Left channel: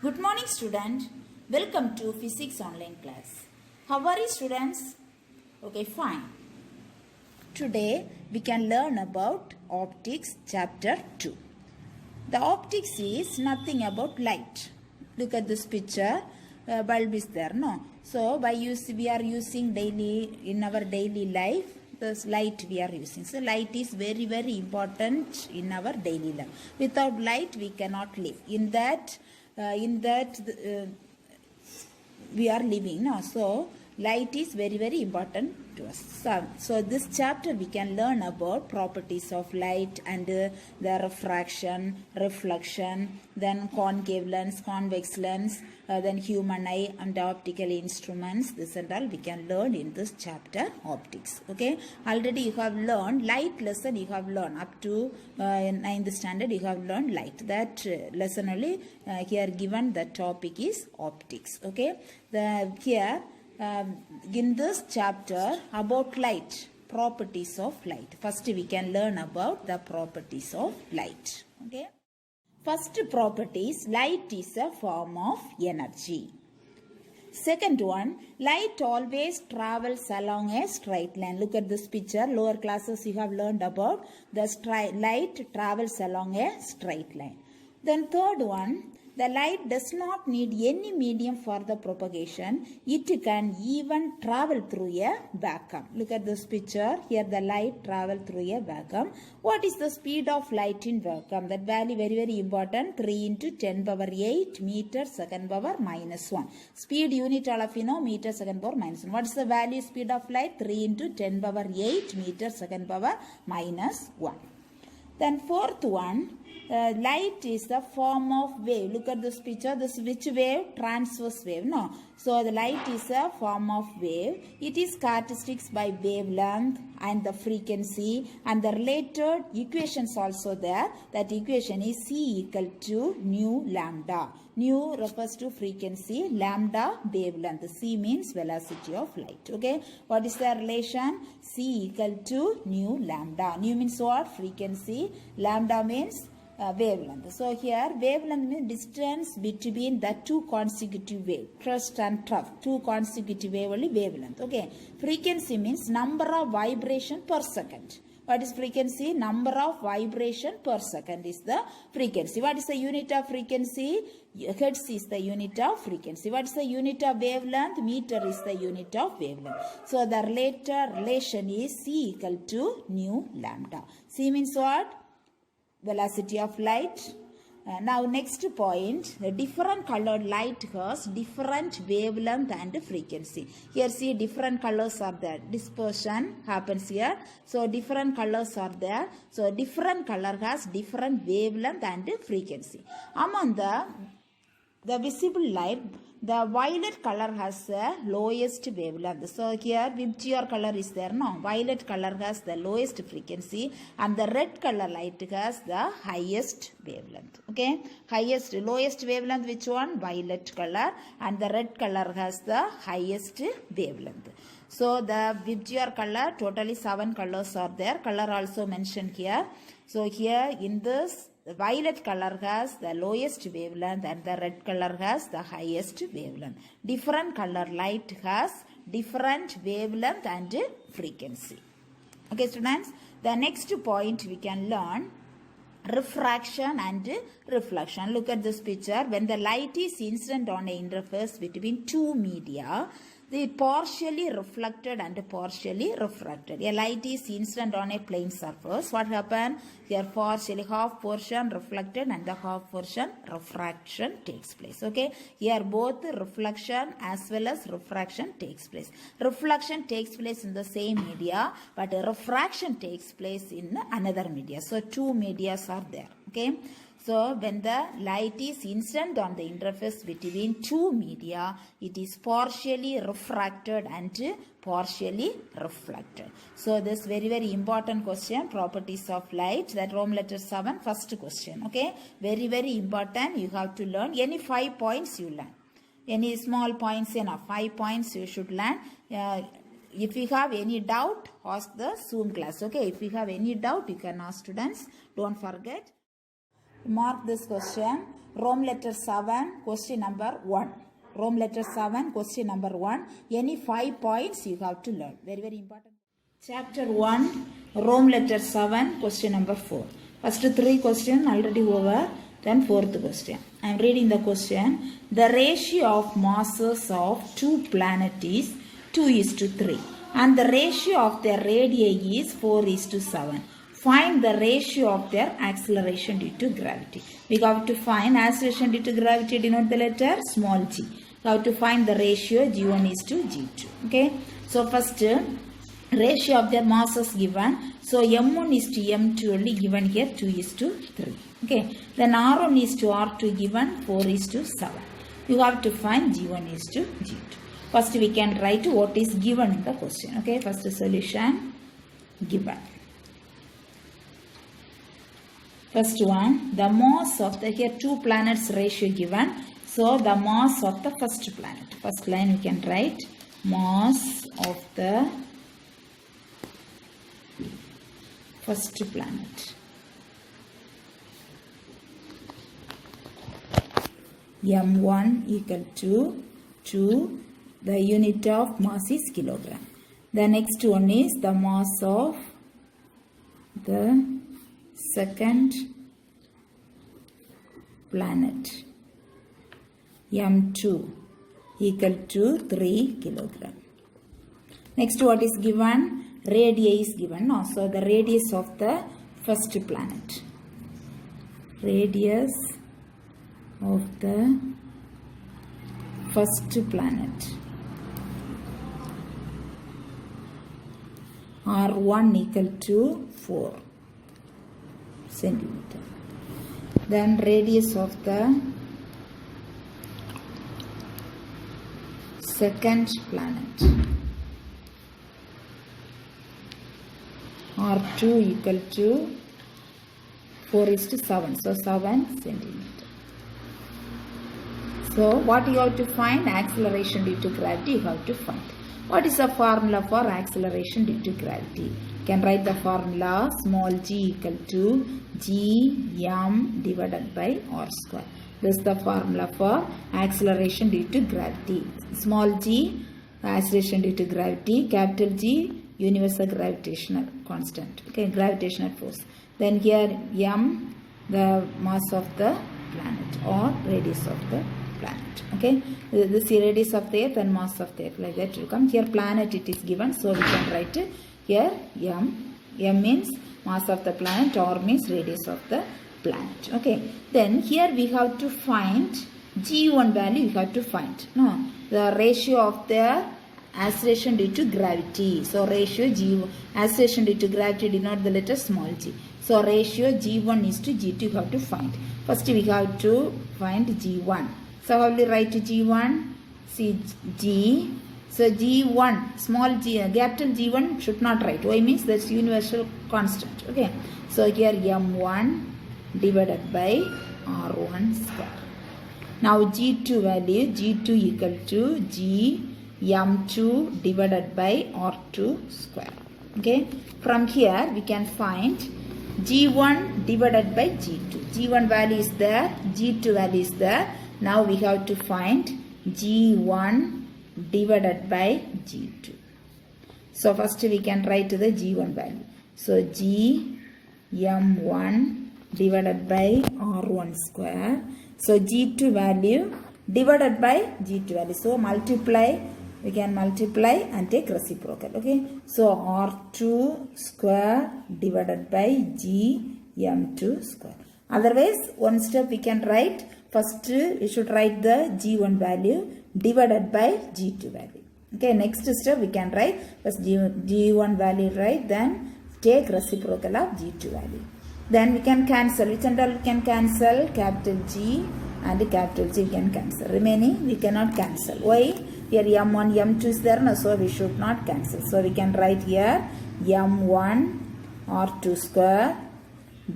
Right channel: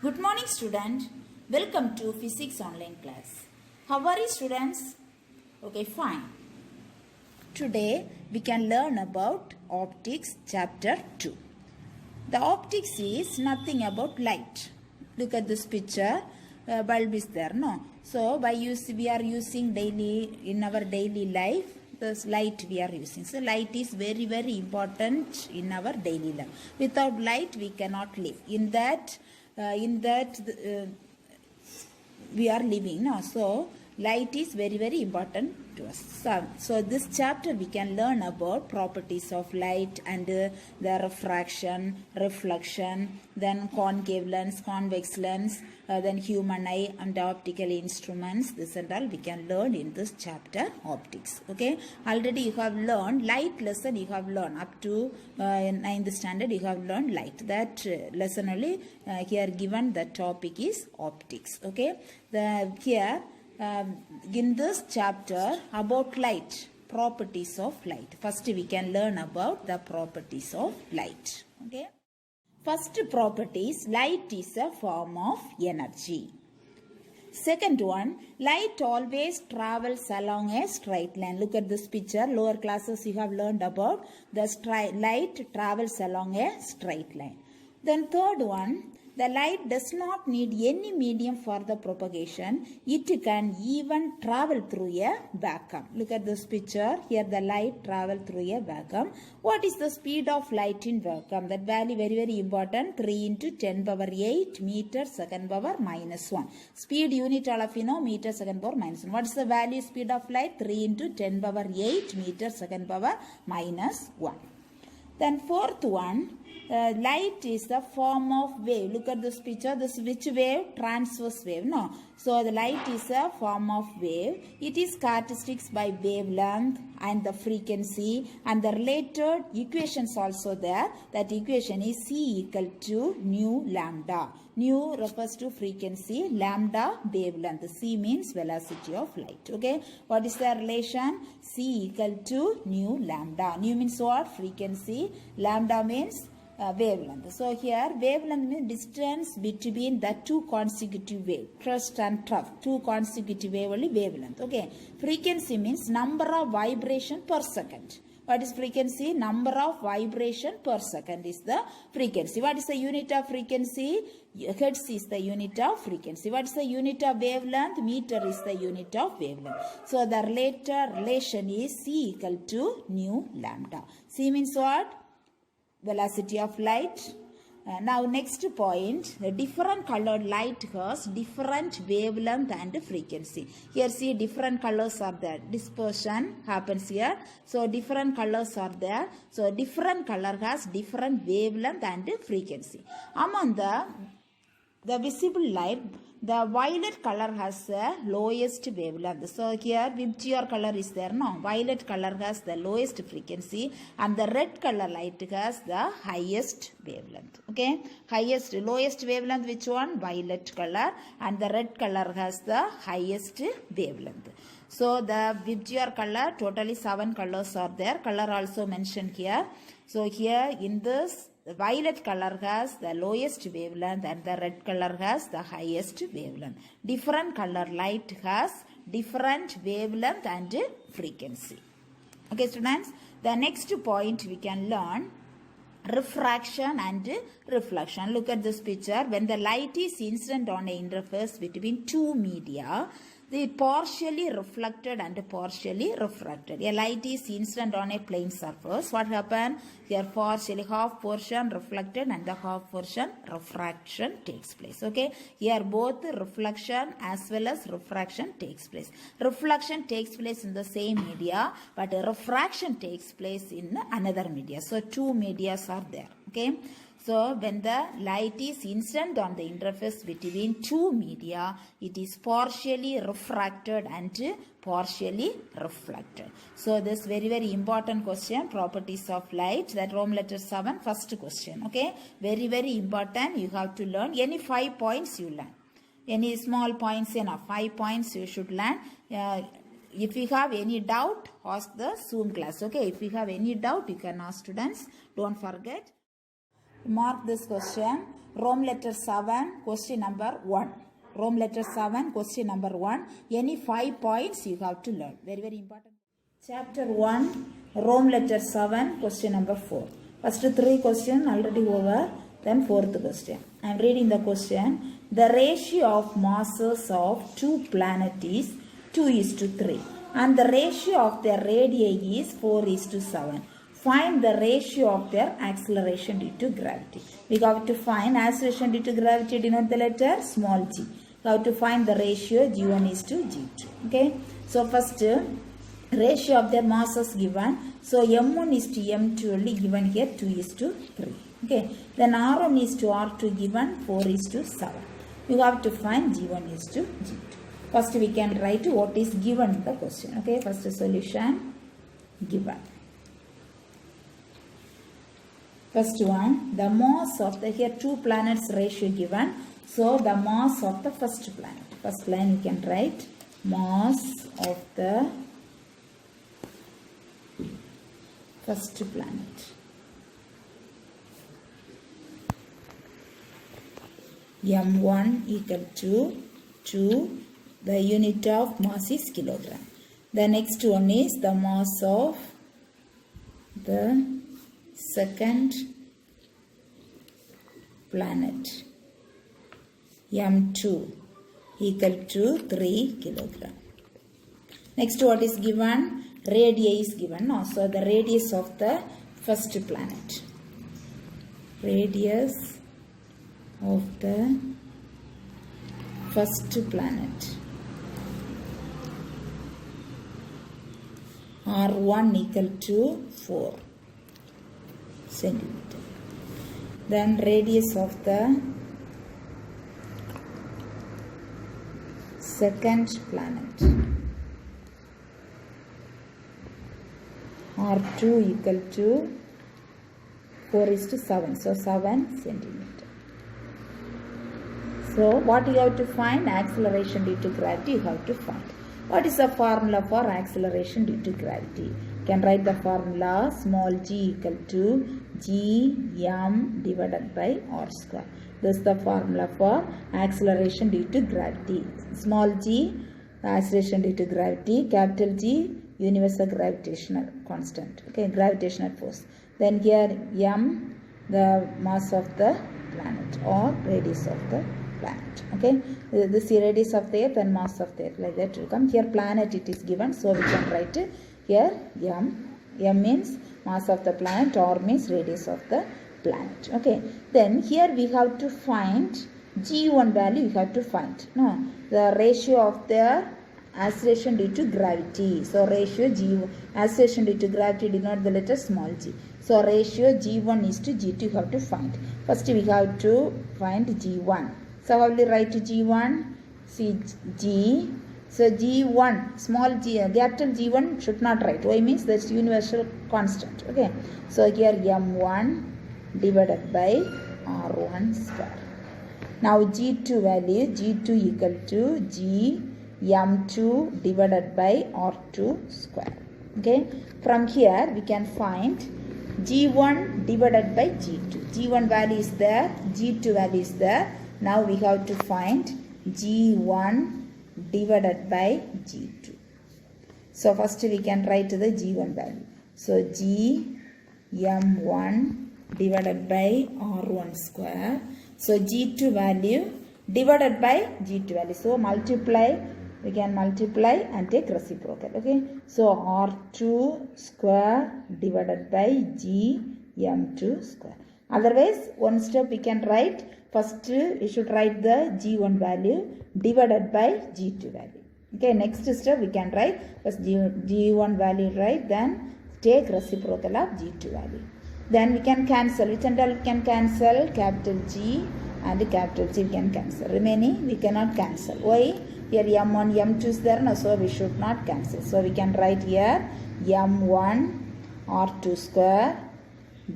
Good morning, student. Welcome to physics online class. How are you, students? Okay, fine. Today we can learn about optics chapter 2. The optics is nothing about light. Look at this picture. Bulb is there, no? So we are using daily in our daily life. This light we are using. So light is very, very important in our daily life. Without light we cannot live. In that we are living now. So light is very, very important to us. So this chapter we can learn about properties of light and the refraction, reflection, then concave lens, convex lens, then human eye and optical instruments. This and all we can learn in this chapter, optics. Okay, already you have learned light lesson. You have learned up to 9th standard. You have learned light. That lesson only here given. The topic is optics. Okay, in this chapter about light, properties of light. First we can learn about the properties of light. Okay. First property is light is a form of energy. Second one, light always travels along a straight line. Look at this picture. Lower classes you have learned about the light travels along a straight line. Then third one, the light does not need any medium for the propagation. It can even travel through a vacuum. Look at this picture. Here the light travel through a vacuum. What is the speed of light in vacuum? That value very, very important. 3 into 10 power 8 meter second power minus 1. Speed unit all of you know, meter second power minus 1. What is the value speed of light? 3 into 10 power 8 meter second power minus 1. Then fourth one, light is the form of wave. Look at this picture. This which wave? Transverse wave. No. So the light is a form of wave. It is characteristics by wavelength and the frequency and the related equations also there. That equation is C equal to nu lambda. Nu refers to frequency, lambda wavelength. C means velocity of light. Okay. What is the relation? C equal to nu lambda. Nu means what? Frequency. Lambda means wavelength. So here wavelength means distance between the two consecutive wave, crest and trough, two consecutive wave only wavelength. Okay. Frequency means number of vibration per second. What is frequency? Number of vibration per second is the frequency. What is the unit of frequency? Hertz is the unit of frequency. What is the unit of wavelength? Meter is the unit of wavelength. So the relation is C equal to nu lambda. C means what? Velocity of light. Now next point, the different colored light has different wavelength and frequency. Here see different colors are there. Dispersion happens here. So different colors are there. So different color has different wavelength and frequency. Among the visible light, the violet color has the lowest wavelength. So here Vibgyor color is there. No, violet color has the lowest frequency and the red color light has the highest wavelength. Okay, lowest wavelength which one? Violet color, and the red color has the highest wavelength. So the Vibgyor color, totally 7 colors are there. Color also mentioned here. So here in this, the violet color has the lowest wavelength and the red color has the highest wavelength. Different color light has different wavelength and frequency. Okay, students. The next point we can learn refraction and reflection. Look at this picture. When the light is incident on an interface between two media, they partially reflected and partially refracted. A light is incident on a plane surface. What happened? Here partially half portion reflected and the half portion refraction takes place. Okay. Here both reflection as well as refraction takes place. Reflection takes place in the same media, but refraction takes place in another media. So two medias are there. Okay. So when the light is incident on the interface between two media, it is partially refracted and partially reflected. So this very, very important question, properties of light, that Roman letter 7, first question. Okay, very, very important. You have to learn any 5 points you learn. Any small points enough. 5 points you should learn. If you have any doubt, ask the Zoom class. Okay, if you have any doubt, you can ask students. Don't forget. Mark this question. Rome letter 7, question number 1. Rome letter 7, question number 1. Any 5 points you have to learn. Very, very important. Chapter 1, Rome letter 7, question number 4. First 3 question already over. Then 4th question. I am reading the question. The ratio of masses of 2 planets is 2:3. And the ratio of their radii is 4:7. Find the ratio of their acceleration due to gravity. We have to find acceleration due to gravity, denote the letter small g. We have to find the ratio g1:g2. Okay. So first ratio of their masses given. So m1:m2 only given here 2:3. Okay. Then r1 is to r2 given 4:7. You have to find g1:g2. First we can write what is given in the question. Okay. First solution given. First one, the mass of the, here 2 planets ratio given. So the mass of the first planet. First line we can write mass of the first planet. M1 equal to 2. The unit of mass is kilogram. The next one is the mass of the second planet. M2 equal to 3 kilogram. Next what is given? Radii is given. No? So the radius of the first planet. Radius of the first planet. R1 equal to 4 centimeter. Then radius of the second planet. R2 equal to 4:7. So 7 centimeter. So what you have to find? Acceleration due to gravity you have to find. What is the formula for acceleration due to gravity? You can write the formula small g equal to gm divided by r square. This is the formula for acceleration due to gravity. Small g, acceleration due to gravity. Capital G, universal gravitational constant. Okay, gravitational force. Then here m, the mass of the planet or radius of the planet. Okay, this is radius of the earth and mass of the earth, like that will come. Here planet it is given, so we can write it here m. M means mass of the planet, or means radius of the planet. Okay, then here we have to find g1 value. We have to find the ratio of the acceleration due to gravity. So ratio g, acceleration due to gravity denote the letter small g. So ratio g1:g2 you have to find. First we have to find g1. So how will you write g1? See g. So g1, small g, capital G1 should not write. Why? Means that's universal constant. Okay. So here m1 divided by r1 square. Now g2 value, g2 equal to g m2 divided by r2 square. Okay. From here we can find g1 divided by g2. g1 value is there, g2 value is there. Now we have to find g1 divided by g2. So first we can write the g1 value. So g m1 divided by r1 square. So g2 value divided by g2 value. So multiply, we can multiply and take reciprocal. Okay. So r2 square divided by g m2 square. Otherwise one step we can write. First you should write the g1 value divided by g2 value. Okay, next step we can write first g1 value, right? Then take reciprocal of g2 value. Then we can cancel. Which and all we can cancel? Capital G and capital G we can cancel. Remaining we cannot cancel. Why? Here m1, m2 is there, no? So we should not cancel. So we can write here m1 r2 square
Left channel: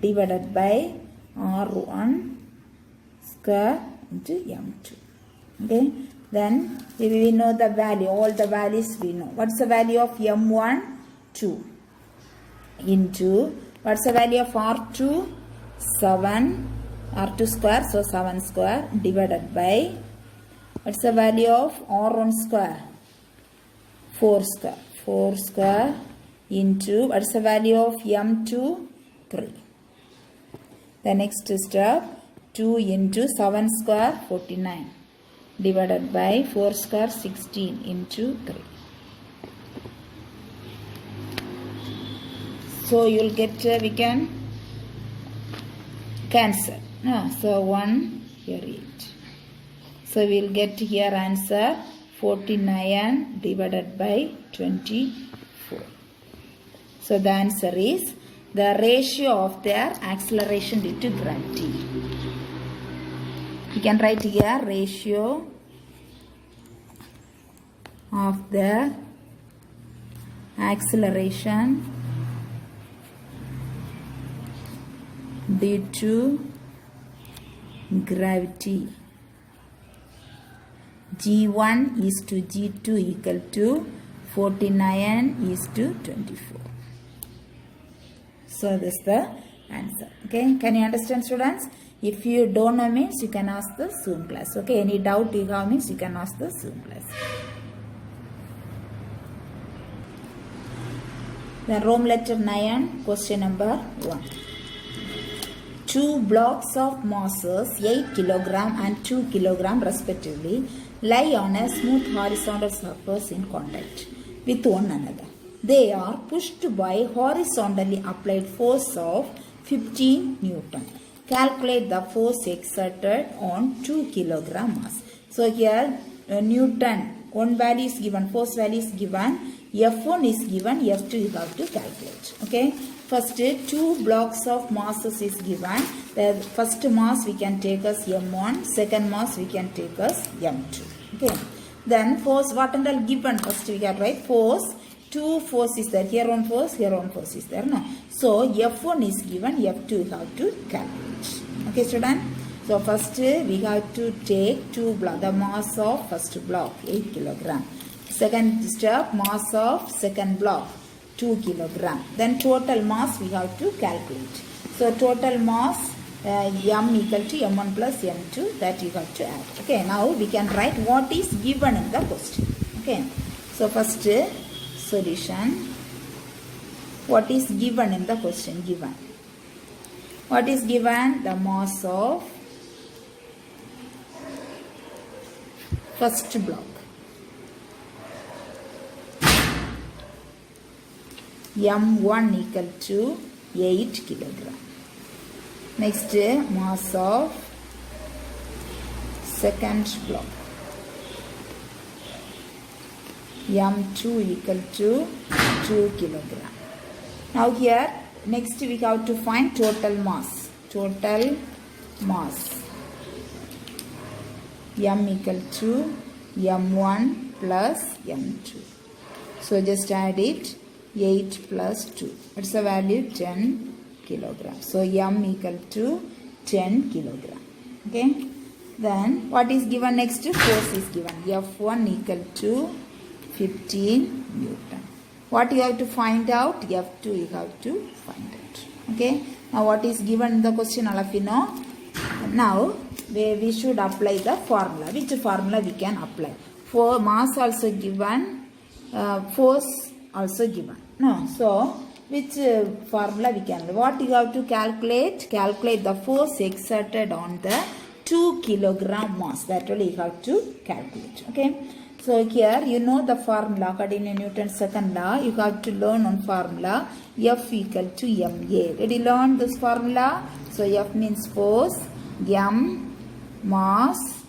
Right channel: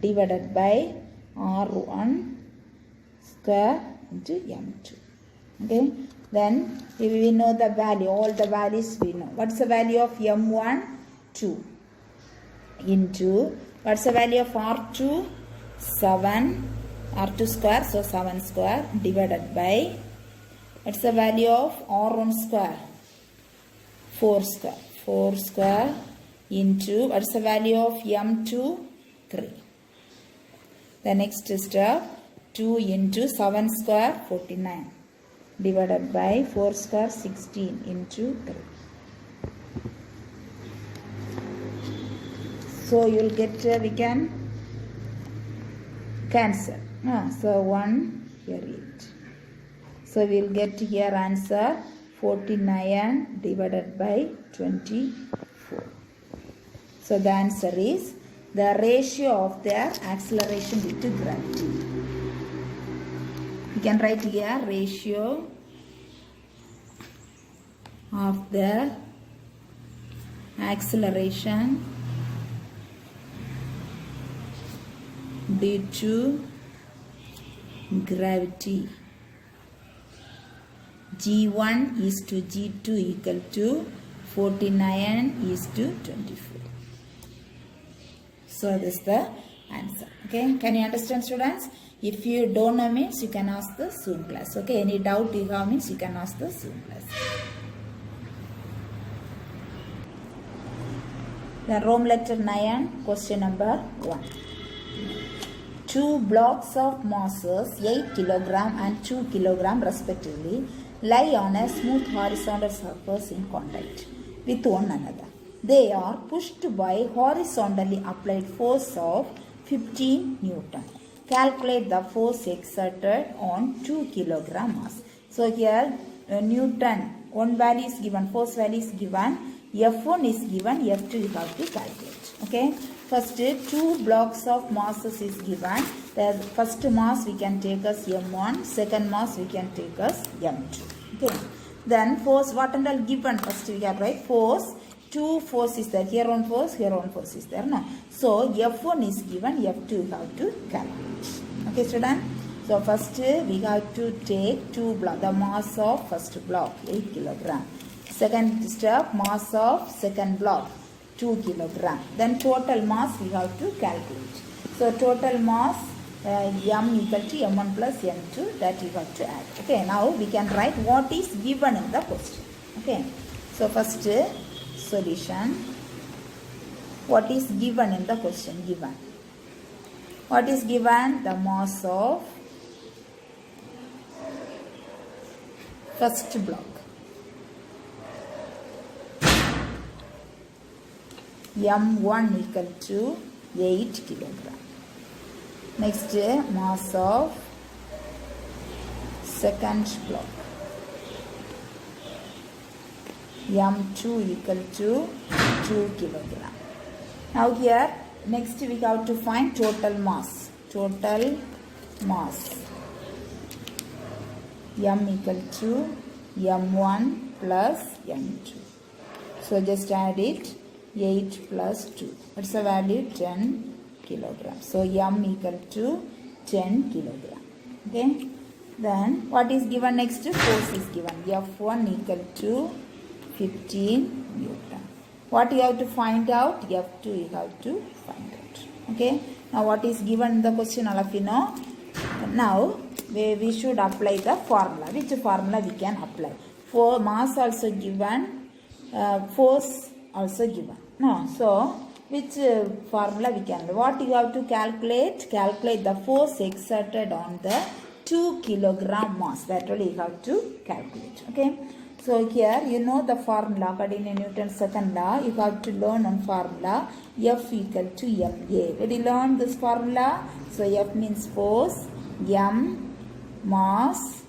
divided by r1 square into m2. Okay. Then we know the value. All the values we know. What's the value of m1? 2 into, what's the value of r2? 7 R2 square, so 7 square divided by, what's the value of R1 square? 4 square. 4 square into, what's the value of M2? 3. The next step, 2 into 7 square, 49 divided by 4 square, 16 into 3. So you will get, we can cancel. So 1 here 8. So we will get here answer 49 divided by 24. So the answer is the ratio of their acceleration due to gravity. We can write here ratio of the acceleration due to gravity. G1 is to G2 equal to 49 is to 24. So this is the answer. Okay, can you understand, students? If you don't know means you can ask the Zoom class. Okay, any doubt you have means you can ask the Zoom class. Then Rome letter 9, question number 1. 2 blocks of masses 8 kg and 2 kg respectively lie on a smooth horizontal surface in contact with one another. They are pushed by horizontally applied force of 15 Newton. Calculate the force exerted on 2 kg mass. So here Newton, one value is given, force value is given, F1 is given, F2 you have to calculate. Okay. First 2 blocks of masses is given. The first mass we can take as M1, second mass we can take as M2. Okay. Then force, what and all given? First we have right force. 2 force is there. Here one force is there. No? So F1 is given, F2 you have to calculate. Okay, student? So first we have to take 2 block, the mass of first block 8 kg. Second step, mass of second block 2 kg. Then total mass we have to calculate. So total mass M equal to M1 plus M2, that you have to add. Okay, now we can write what is given in the question. Okay, so first solution. What is given in the question? Given. What is given? The mass of first block. M1 equal to 8 kg. Next, mass of second block. M2 equal to 2 kg. Now here, next we have to find total mass. Total mass. M equal to M1 plus M2. So just add it. 8 plus 2. What's the value? 10 kilograms. So M equal to 10 kilogram. Okay. Then what is given next? Force is given. F1 equal to 15 Newton. What you have to find out? F2 you have to find out. Okay. Now what is given in the question, all of you know? Now we should apply the formula. Which formula we can apply? For mass also given, force also given. No, so which formula we can? What you have to calculate? Calculate the force exerted on the 2 kilogram mass. That really you have to calculate. Okay. So here you know the formula according to Newton's second law. You have to learn one formula. F equal to ma. Did you learn this formula? So F means force, m mass,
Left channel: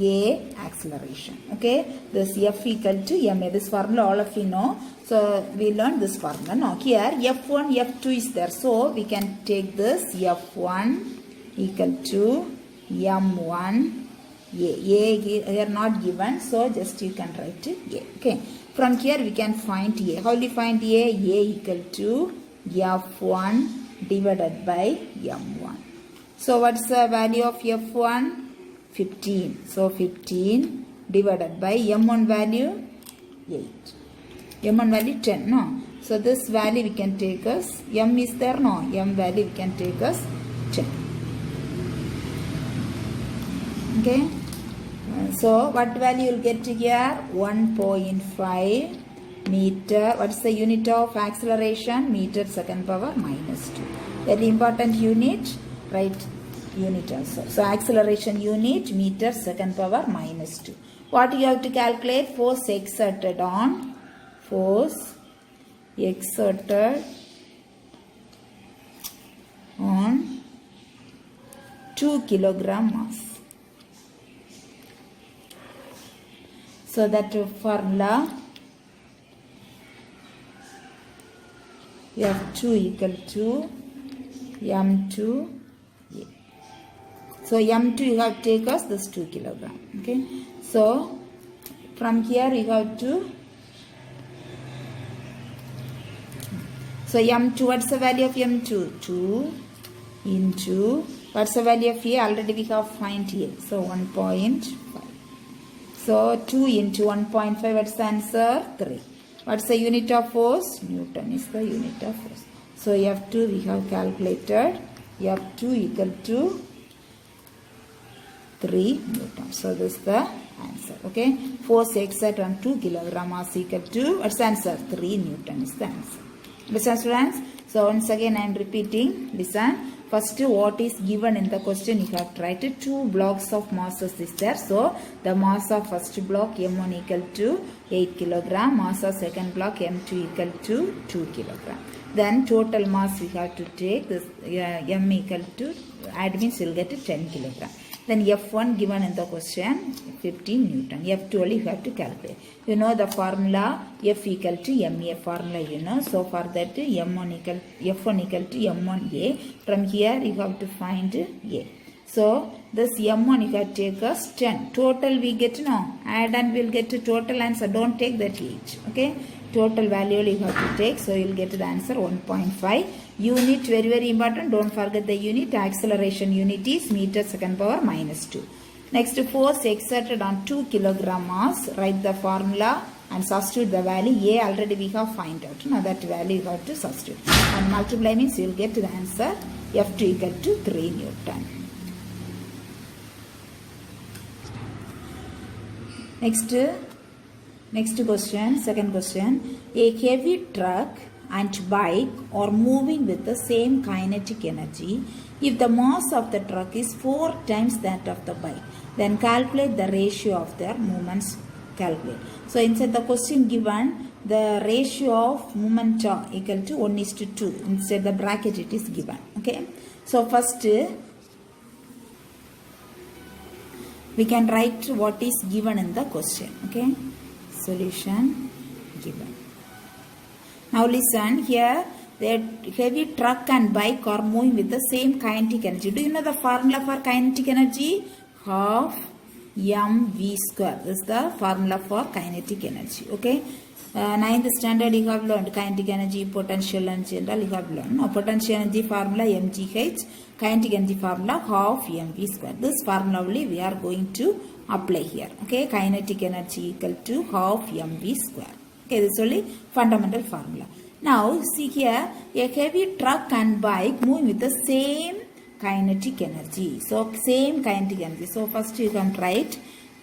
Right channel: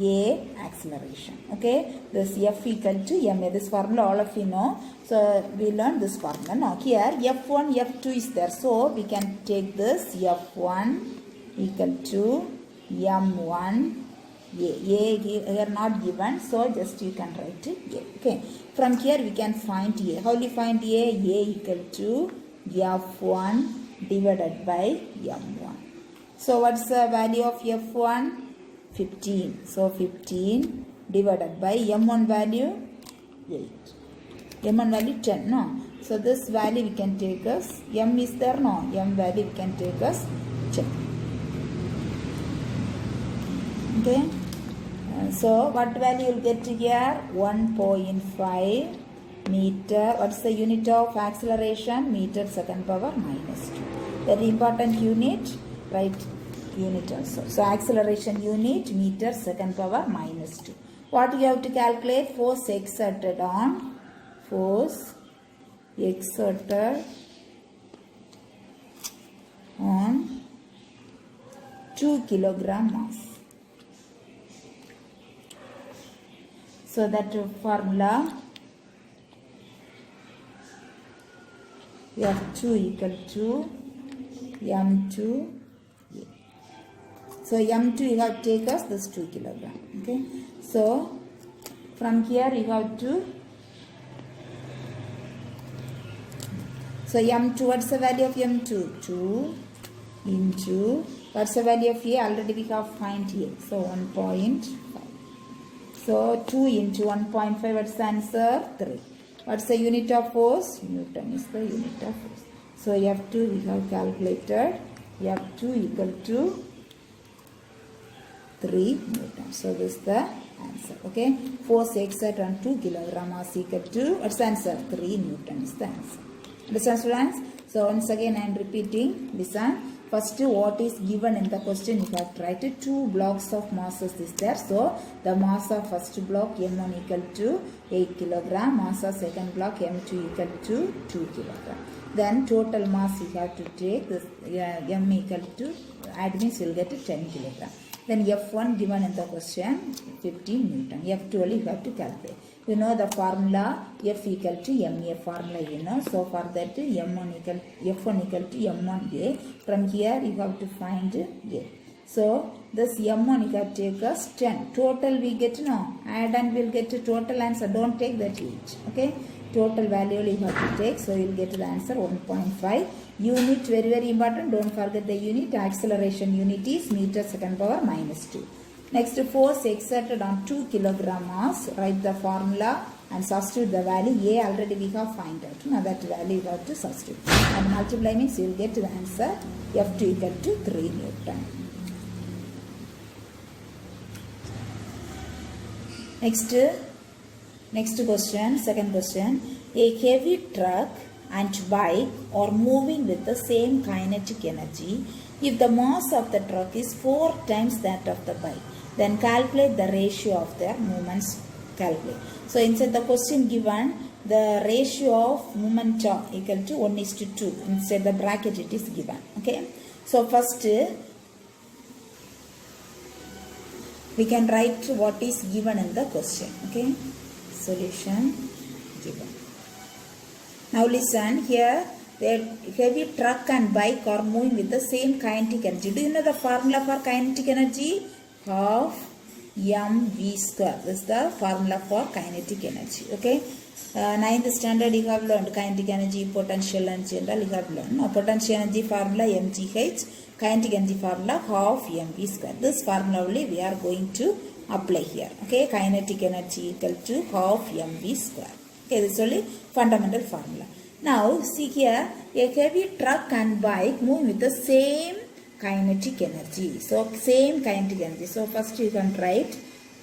a acceleration. Okay. This F equal to ma. This formula all of you know. So we learned this formula. Now here F1, F2 is there. So we can take this F1 equal to M1. A here not given. So just you can write it A. Okay. From here we can find A. How will you find A? A equal to F1 divided by M1. So what's the value of F1? 15. So 15 divided by M1 value 8. M1 value 10. No. So this value we can take as M is there. No. M value we can take as 10. Okay. So what value you'll get here? 1.5 meter. What's the unit of acceleration? Meter second power minus 2. Very important unit. Right unit also. So acceleration unit meter second power minus 2. What you have to calculate? Force exerted on 2 kilogram mass. So that formula we have 2 equal to m2. So m2 you have to take us this 2 kilogram. Okay. So from here you have to. So m2, what's the value of m2? 2 into, what's the value of a? Already we have find a. So 1.5. So 2 into 1.5, what's the answer? 3. What's the unit of force? Newton is the unit of force. So F2 we have calculated. F2 equal to 3 Newton. So this is the answer. Okay. Force exerted on 2 kilogram mass equal to, what's the answer? 3 Newton is the answer. Listen students. So once again I am repeating. Listen. First, what is given in the question, you have to write 2 blocks of masses is there. So the mass of first block m1 equal to 8 kilogram, mass of second block m2 equal to 2 kilogram. Then total mass we have to take this m equal to, add means we will get 10 kilogram. Then F1 given in the question 15 Newton. F2 only you have to calculate. You know the formula F equal to MA formula you know. So for that F1 equal to M1A. From here you have to find A. So this M1 you have to take us 10. Total we get no. Add and we'll get to total answer. Don't take that each. Okay. Total value you have to take. So you'll get the answer 1.5. Unit very important. Don't forget the unit. Acceleration unit is meter second power minus 2. Next, force exerted on 2 kilogram mass. Write the formula and substitute the value. A already we have find out. Now that value you have to substitute. And multiply means you will get the answer F2 equal to 3 Newton. Next question, second question. A heavy truck and bike are moving with the same kinetic energy. If the mass of the truck is 4 times that of the bike, then calculate the ratio of their movements. Calculate. So inside the question given, the ratio of movement equal to 1:2. Inside the bracket it is given. Okay. So first we can write what is given in the question. Okay. Solution given. Now listen here. The heavy truck and bike are moving with the same kinetic energy. Do you know the formula for kinetic energy? Half mv square. This is the formula for kinetic energy. Okay. 9th standard you have learned kinetic energy, potential and general you have learned. Now potential energy formula mgh, kinetic energy formula half mv square. This formula only we are going to apply here. Okay. Kinetic energy equal to half mv square. Okay. This is only fundamental formula. Now see here, a heavy truck and bike move with the same kinetic energy. So same kinetic energy. So first you can write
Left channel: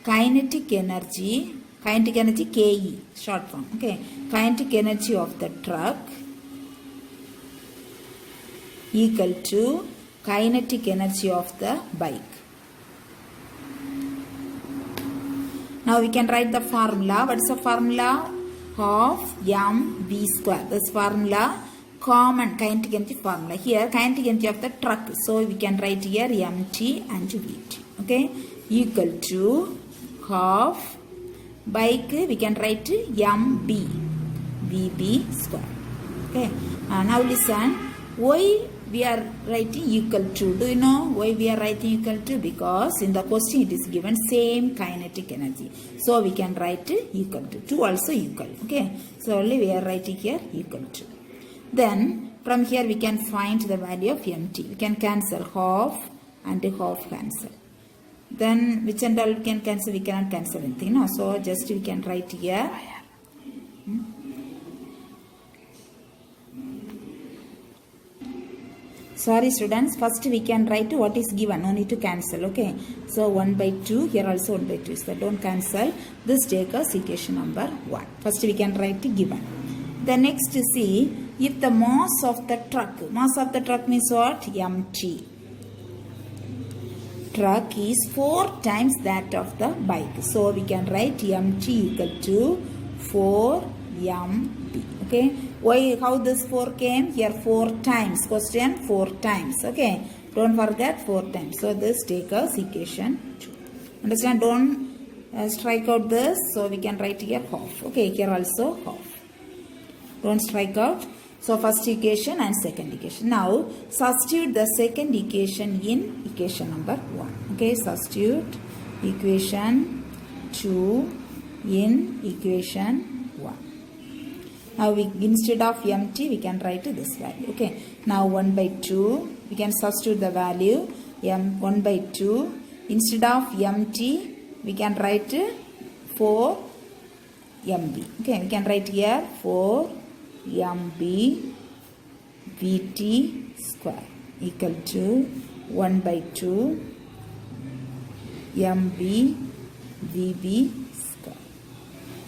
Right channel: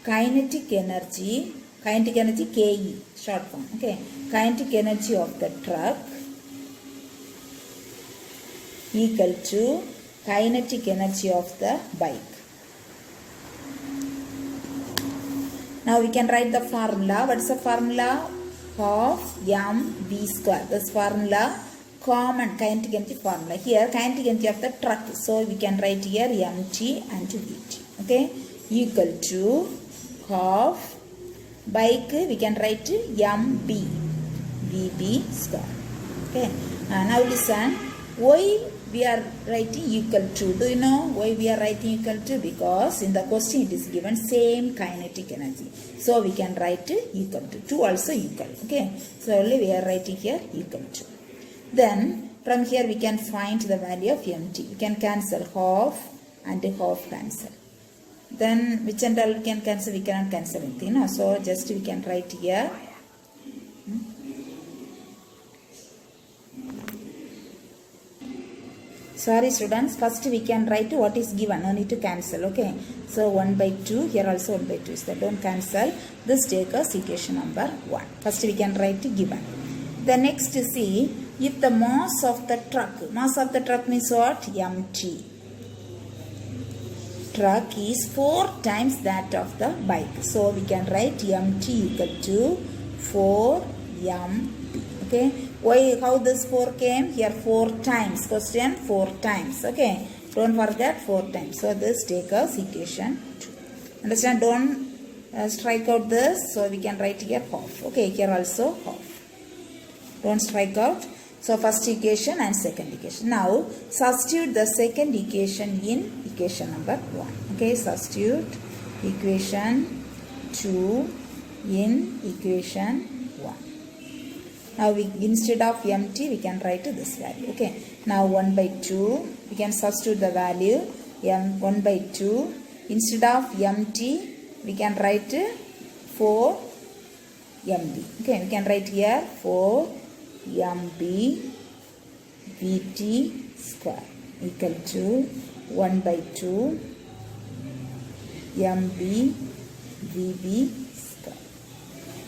kinetic energy Ke, short form. Okay. Kinetic energy of the truck equal to kinetic energy of the bike. Now we can write the formula. What is the formula? Half mv square. This formula common kinetic energy formula. Here kinetic energy of the truck. So we can write here mt and vt. Okay. Equal to half bike we can write mb vb square. Okay. Now listen. Why we are writing equal to? Do you know why we are writing equal to? Because in the question it is given same kinetic energy. So we can write equal to. 2 also equal. Okay. So only we are writing here equal to. Then from here we can find the value of mt. We can cancel half and half cancel. Then which and all we can cancel? We cannot cancel anything. No? So just we can write here. Sorry students, first we can write what is given, no need to cancel, okay. So 1 by 2, here also 1 by 2 is there, don't cancel. This take us equation number 1. First we can write given. The next see, if the mass of the truck means what? Mt. Truck is 4 times that of the bike. So we can write Mt equal to 4 Mp, okay. Why, how this 4 came? Here 4 times. Question 4 times. Okay. Don't forget 4 times. So this take us equation 2. Understand? Don't strike out this. So we can write here half. Okay. Here also half. Don't strike out. So first equation and second equation. Now substitute the second equation in equation number 1. Okay. Substitute equation 2 in equation 1. Now we, instead of Mt, we can write this value. Okay. Now 1 by 2, we can substitute the value 1 by 2. Instead of Mt, we can write 4 Mb. Okay. We can write here 4 Mb Vt square equal to 1 by 2 Mb Vb.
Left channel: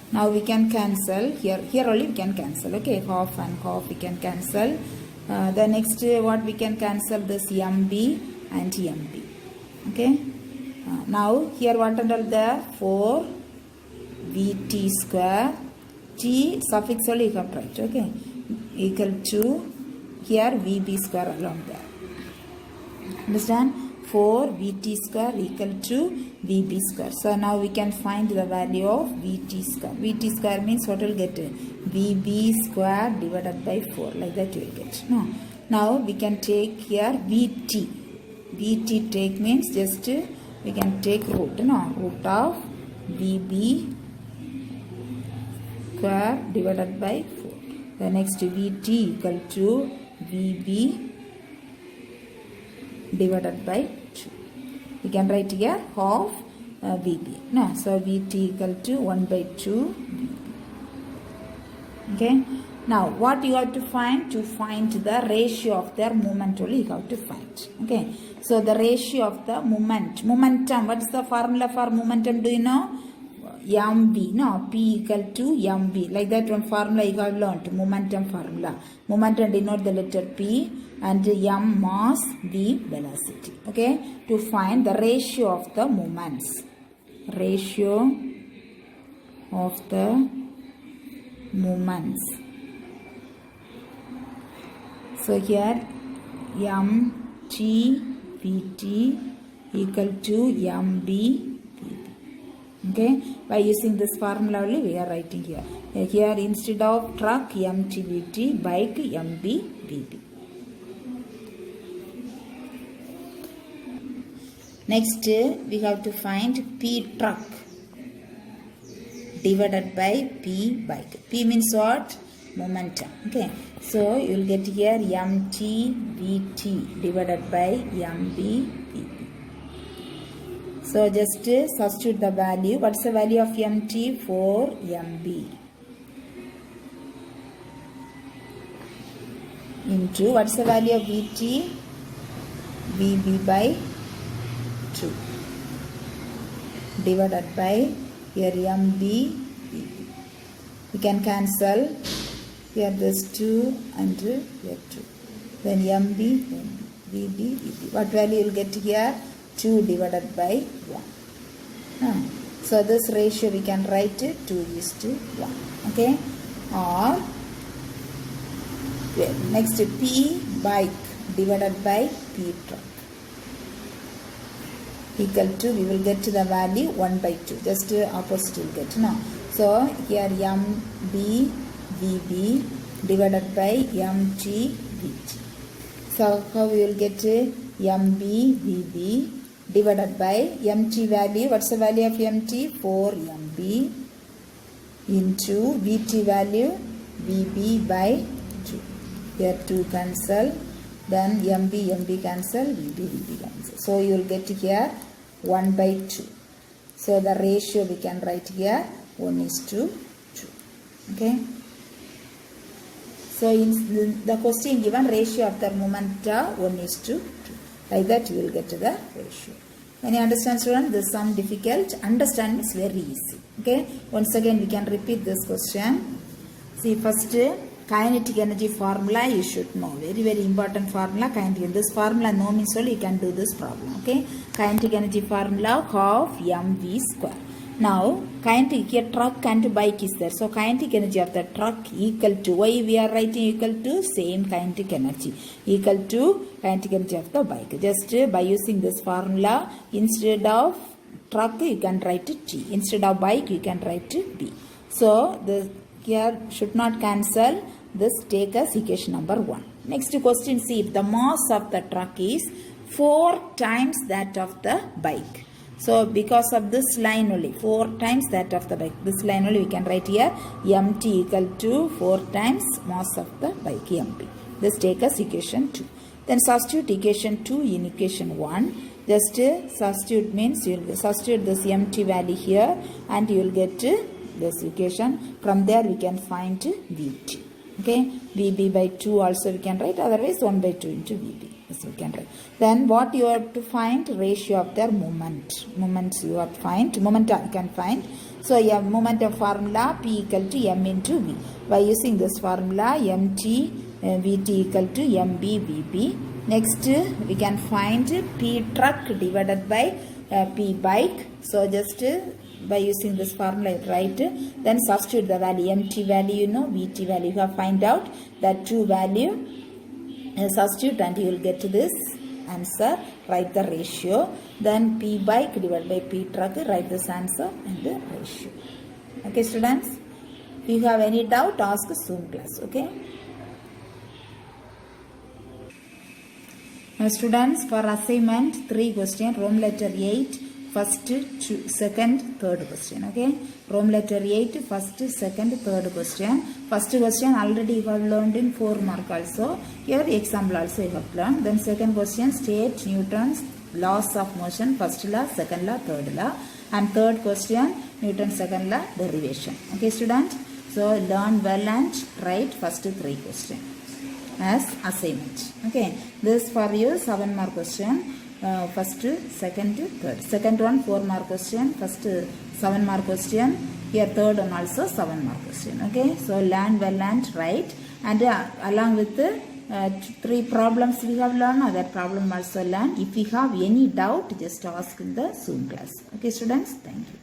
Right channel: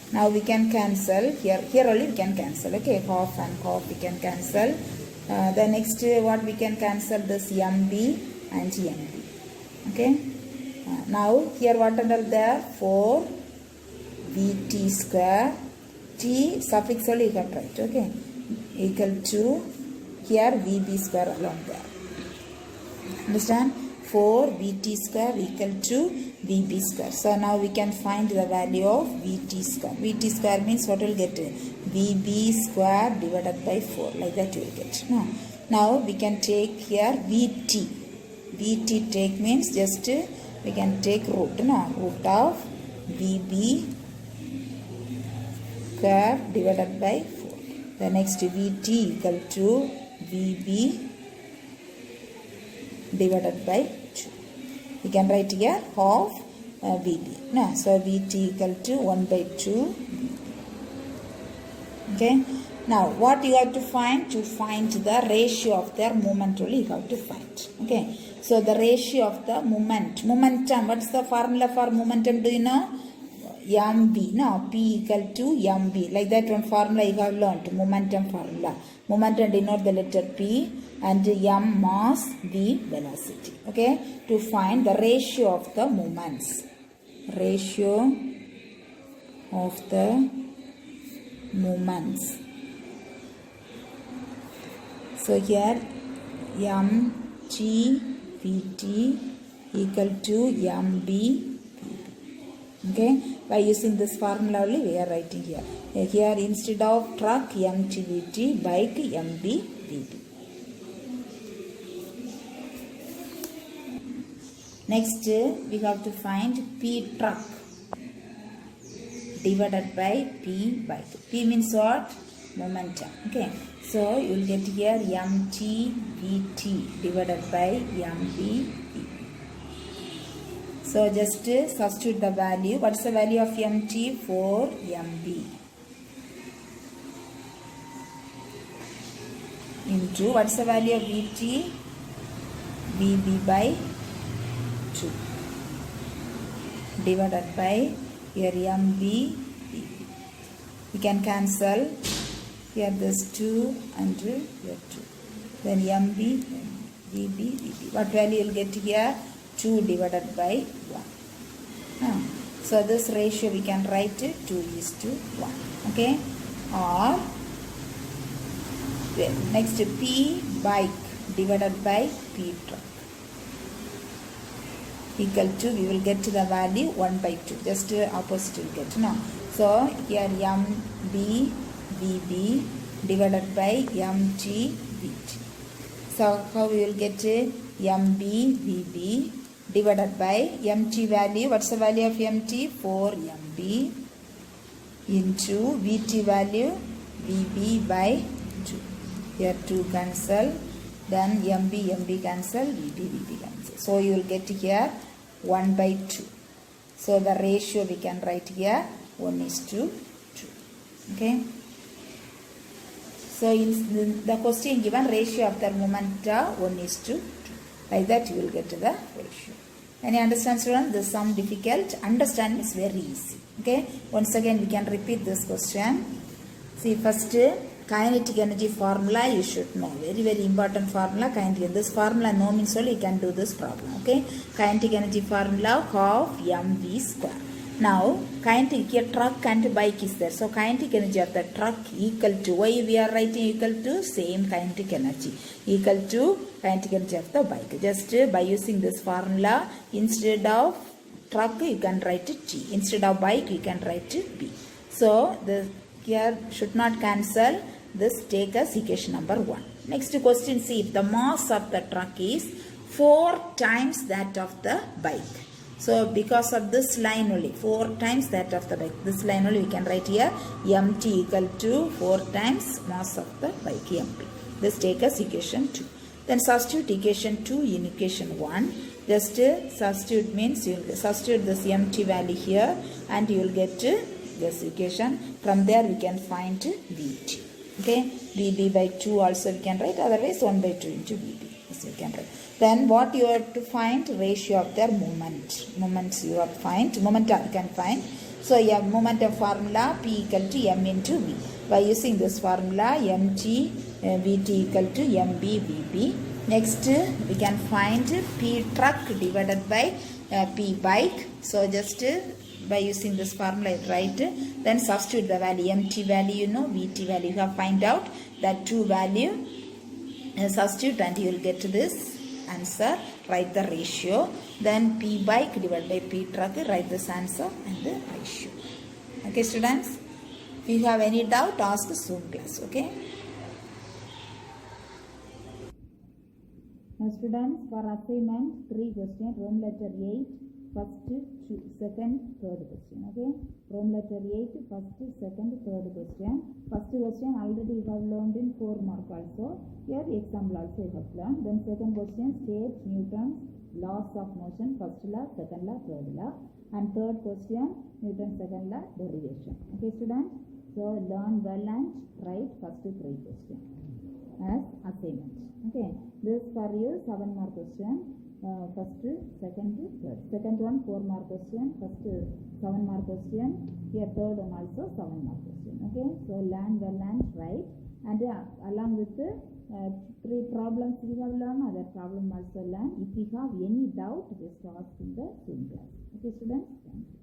Now we can cancel here only we can cancel, okay, half and half we can cancel. The next what we can cancel, this Mb and Mb, okay. Now here what under there, 4 Vt square, T suffix only you have to write, okay, equal to here Vb square along there. Understand? 4 Vt square equal to Vb square. So now we can find the value of Vt square. Vt square means what will get? Vb square divided by 4. Like that you will get. No. Now we can take here Vt. Vt take means just we can take root. No. Root of Vb square divided by 4. The next Vt equal to Vb divided by 2. We can write here half Vb. No, so Vt equal to 1 by 2. Okay. Now what you have to find? To find the ratio of their moment only you have to find. Okay. So the ratio of the momentum. What is the formula for momentum? Do you know? Mb. No, P equal to Mb. Like that one formula you have learned. Momentum formula. Momentum denote the letter P. And M mass, V velocity. Okay. To find the ratio of the moments. Ratio of the moments. So here Mt Vt equal to Mb Vb. Okay. By using this formula only we are writing here. Here instead of truck Mt Vt, bike Mb Vb. Next, we have to find P truck divided by P bike. P means what? Momentum. Okay. So, you will get here Mt Vt divided by Mb Vb. So, just substitute the value. What's the value of Mt? 4 Mb. Into, what's the value of Vt? Vb by 2 divided by here Mb. We can cancel here this 2 and here 2. Then Mb, then Vb, Vb. What value you will get here? 2 divided by 1. So this ratio we can write 2:1. Okay. Or next P bike divided by P truck. Equal to, we will get to the value 1 by 2. Just opposite will get. No. So here Mb Vb divided by Mt Vt. So how we will get Mb Vb divided by Mt value. What's the value of Mt? 4 Mb into Vt value Vb by 2. Here 2 cancel. Then Mb cancel. Vb cancel. So you will get here 1 by 2. So the ratio we can write here 1:2. Okay. So in the question given, ratio of the momenta 1:2. Like that you will get to the ratio. Can you understand, students? This is some difficult. Understand is very easy. Okay. Once again we can repeat this question. See, first kinetic energy formula you should know. Very very important formula. Kinetic. This formula no means only you can do this problem. Okay. Kinetic energy formula half mv square. Now, kinetic here truck and bike is there. So, kinetic energy of the truck equal to, why we are writing equal to? Same kinetic energy. Equal to kinetic energy of the bike. Just by using this formula, instead of truck you can write T. Instead of bike you can write B. So, here should not cancel. This take as equation number 1. Next question, see if the mass of the truck is 4 times that of the bike. So, because of this line only, 4 times that of the bike. This line only we can write here, mt equal to 4 times mass of the bike, mp. This take as equation 2. Then substitute equation 2 in equation 1. Just substitute means you will substitute this mt value here and you will get this equation. From there we can find vt. Okay, vb by 2 also we can write, otherwise 1 by 2 into vb. This we can write. Then what you have to find? Ratio of their moment. Moments you have to find. Momentum you can find. So you have momentum formula P equal to M into V. By using this formula MT Vt equal to MB Vb. Next we can find P truck divided by P bike. So just by using this formula write. Then substitute the value. MT value you know, Vt value you have find out that 2 value. Substitute and you will get to this answer. Write the ratio. Then P bike divided by P truck. Write this answer and the ratio. Okay, students. If you have any doubt, ask Zoom class. Okay. Now, students, for assignment 3 question, Roman letter 8. First, second, third question. Okay. Roman letter 8, first, second, third question. First question already you have learned in 4 mark also. Here example also you have learned. Then second question, state Newton's laws of motion. First law, second law, third law. And third question, Newton's second law derivation. Okay, student. So learn well and write first 3 questions as assignment. Okay. This for you 7 mark question. First, second, third. Second one 4 mark question. First 7 mark question. Here third one also 7 mark question. Okay. So learn well and write. And along with the 3 problems we have learned, other problem also learn. If you have any doubt, just ask in the Zoom class. Okay, students. Thank you.